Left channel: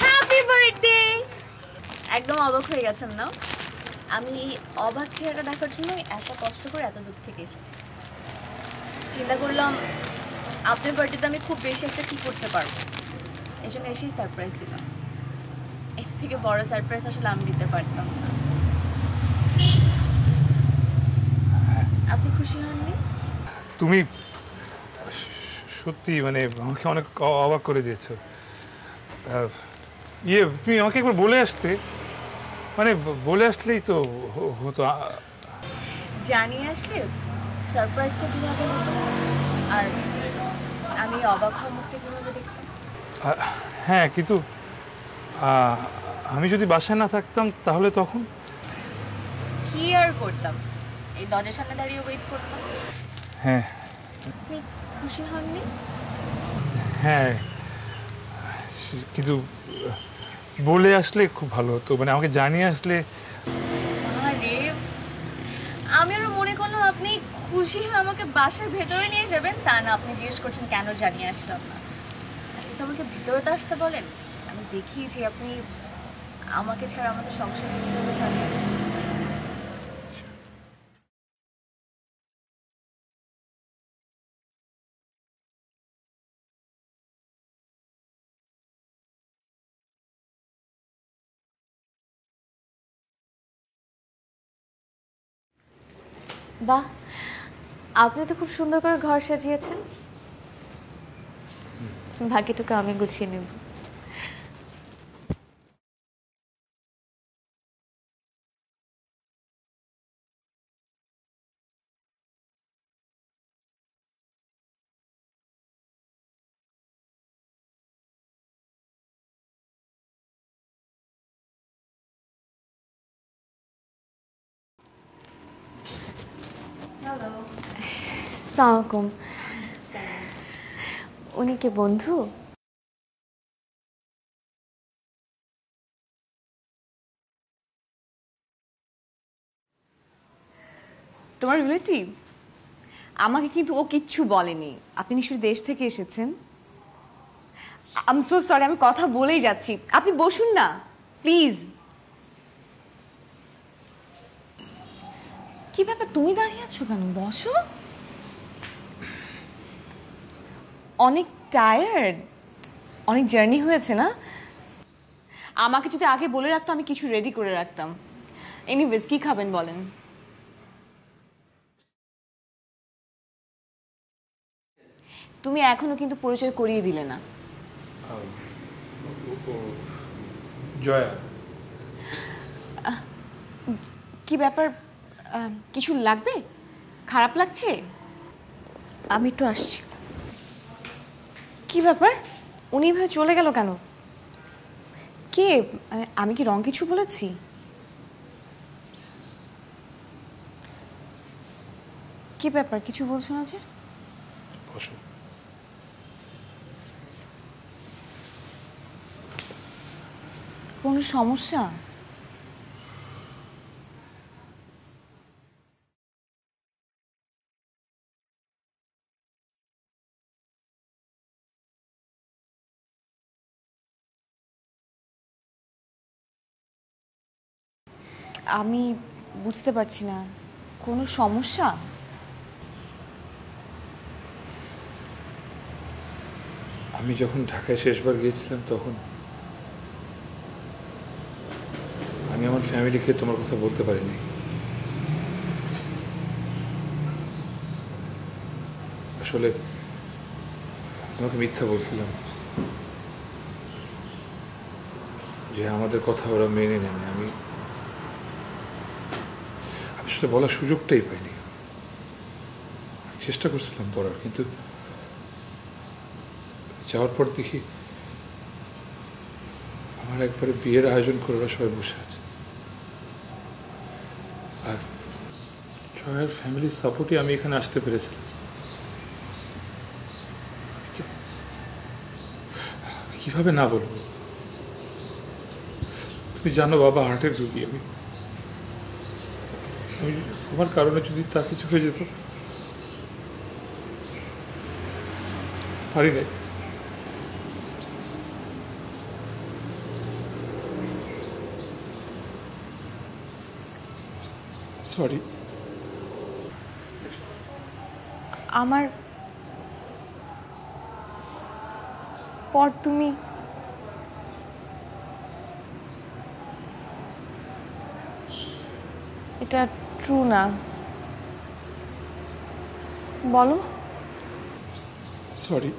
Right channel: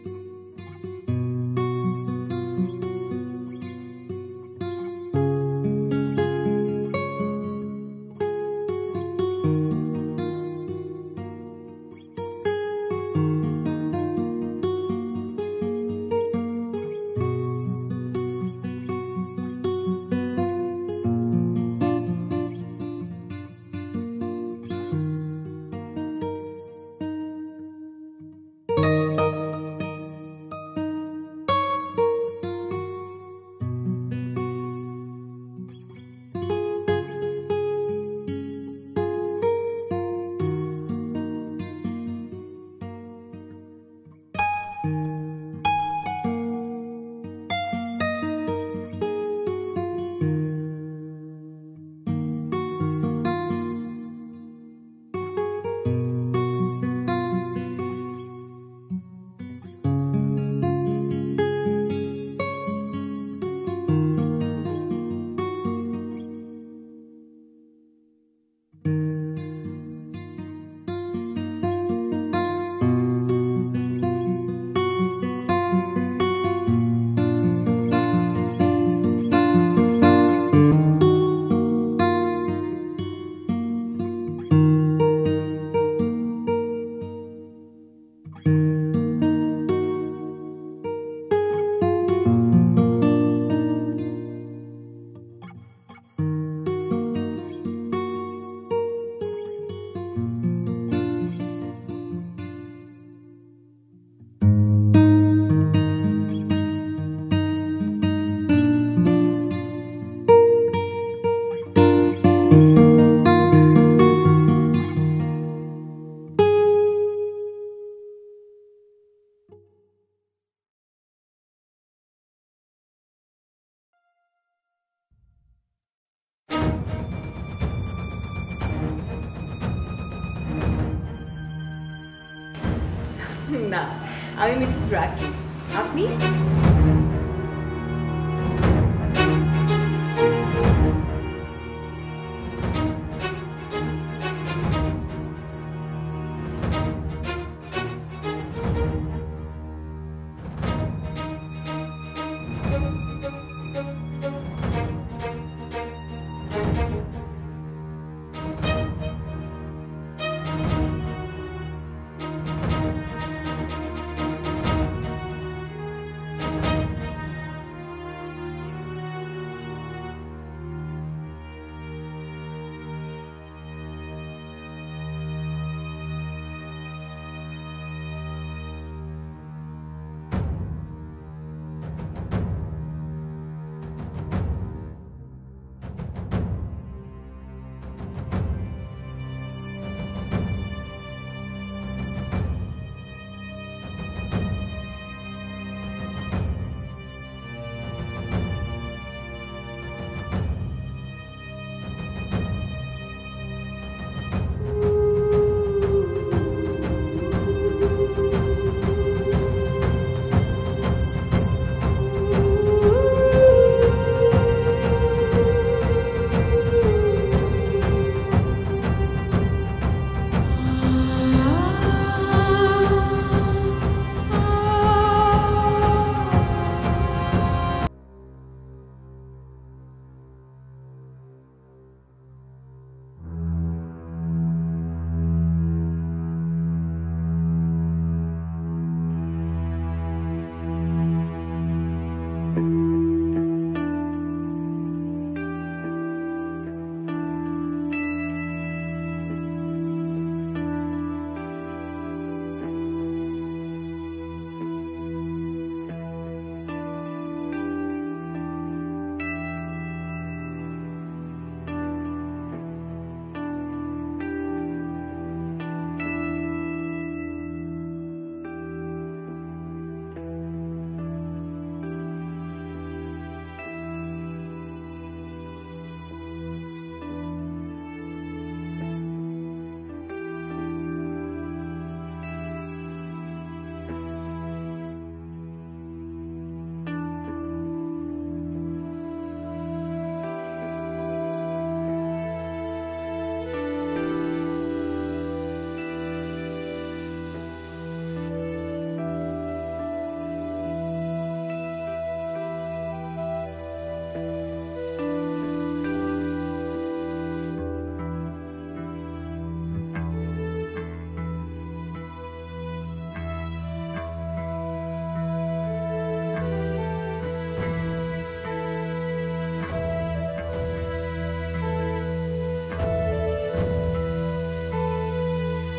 Happy birthday. একদম অবাক হয়ে গেছেন না? আমি অবাক চেহারা দেখার জন্য এত কষ্ট করে এত দূর থেকে এসেছি। চিন্তা করলাম আপনার বার্থডেতে আমি খুব বেশি একটা কি করতে পারবো, এই জন্য এসেই সারপ্রাইজ দিলাম। এর থেকে বড় সারপ্রাইজ আসলে আমি দিতে পারতাম না। আপনি খুশি হননি? তুমি সত্যি মানে আমাকে অনেক অবাক করে দিয়েছো। তুমি আমাকে একবার বলে আসতে, মানে বলে আসলেই তো হতো। জানিয়ে আসলে সারপ্রাইজটা কিভাবে হতো আর আমি অবাক হওয়ার মুখটা কিভাবে দেখতাম? হ্যাঁ, কিন্তু আমি যদি বাসায় না থাকতাম তাহলে তখন কি আর করতাম? এই দরজার সামনে দাঁড়িয়ে ওয়েট করতাম। হ্যাঁ আপনি খুশি হননি? হ্যাঁ, কিন্তু বলে আসলে খুব ভালো হতো, মানে আমাকে জানিয়ে আসলে। আরে আমি আরো মনে করলাম আপনি খুশি হয়ে আমাকে বাসার ভেতরে নিয়ে যাবেন, তা না আপনি জিজ্ঞেস করছেন কেন জানিয়ে আসলাম না। আমাকে ভেতরে তো আসতে বলেন, আমি দেখিয়েছি আপনি আমাকে ছাড়া আমাদের সংসারে কিভাবে সাজিয়েছেন। বাহ, আপনি তো খুব সুন্দর করে ঘর সাজিয়েছেন। বাকিটুকু আমি গুছিয়ে নেব। আসসালামু আলাইকুম। উনি কি বন্ধু? না, আমি মিসেস রাকিব। আপনি? তোমার রিলেটিভ? আমাকে কিন্তু ও কিচ্ছু বলেনি। আপনি নিশ্চয়ই দেশ থেকে এসেছেন। আই এম সো সরি, আমি কথা বলেই যাচ্ছি। আপনি বসুন না প্লিজ। কি ব্যাপার, তুমি দাঁড়িয়ে আছো কেন? বসো। অনেক টায়ার্ড, অনেক জার্নি হয়েছে না? আমাকে যদি আগে বলে রাখতো আমি কিছু রেডি করে রাখতাম। এনিওয়েজ, কি খাবেন বলেন? তুমি এখনো কিন্তু পরিচয় করিয়ে দিলে না। জয়া। কি ব্যাপার, কিছু লাগবে? খারাপ লাগছে? আমি একটু আসছি। কি ব্যাপার, উনি এভাবে চলে গেল কেন? কে? আমি কি রং কিছু বলেছি? কি ব্যাপার, কিছু বলছো না যে? কোনো সমস্যা? আমি বুঝতে পারছি না, কোনো সমস্যা? আমি যখন ঢাকায় শেষবার গিয়েছিলাম তখন আমি আমার ফ্যামিলিকে তোমার কথা বলতে পারিনি। আসলে তোমাকে মিথ্যা বলছিলাম যে আমাদের কথা ওরা মেনে নেয়। আমি আসলে বলার সুযোগটাই পাইনি। চেষ্টা করছিলাম বলার, কিন্তু যাওয়ার পর দেখি আমার একবারে বিয়ের আয়োজন করে ওরা সবাই বসে আছে। আর জয়ার ফ্যামিলির সাপোর্টে আমি এখানে আসতে পেরেছিলাম। কিভাবে না বলবো? তুমি জানো বাবা হার্টের রোগী। আমি তোমার কারণে যদি তার কিছু হয়ে যেত, পারি নাই। সরি। আমার পর তুমি এটা ট্রু না। বলো। সরি।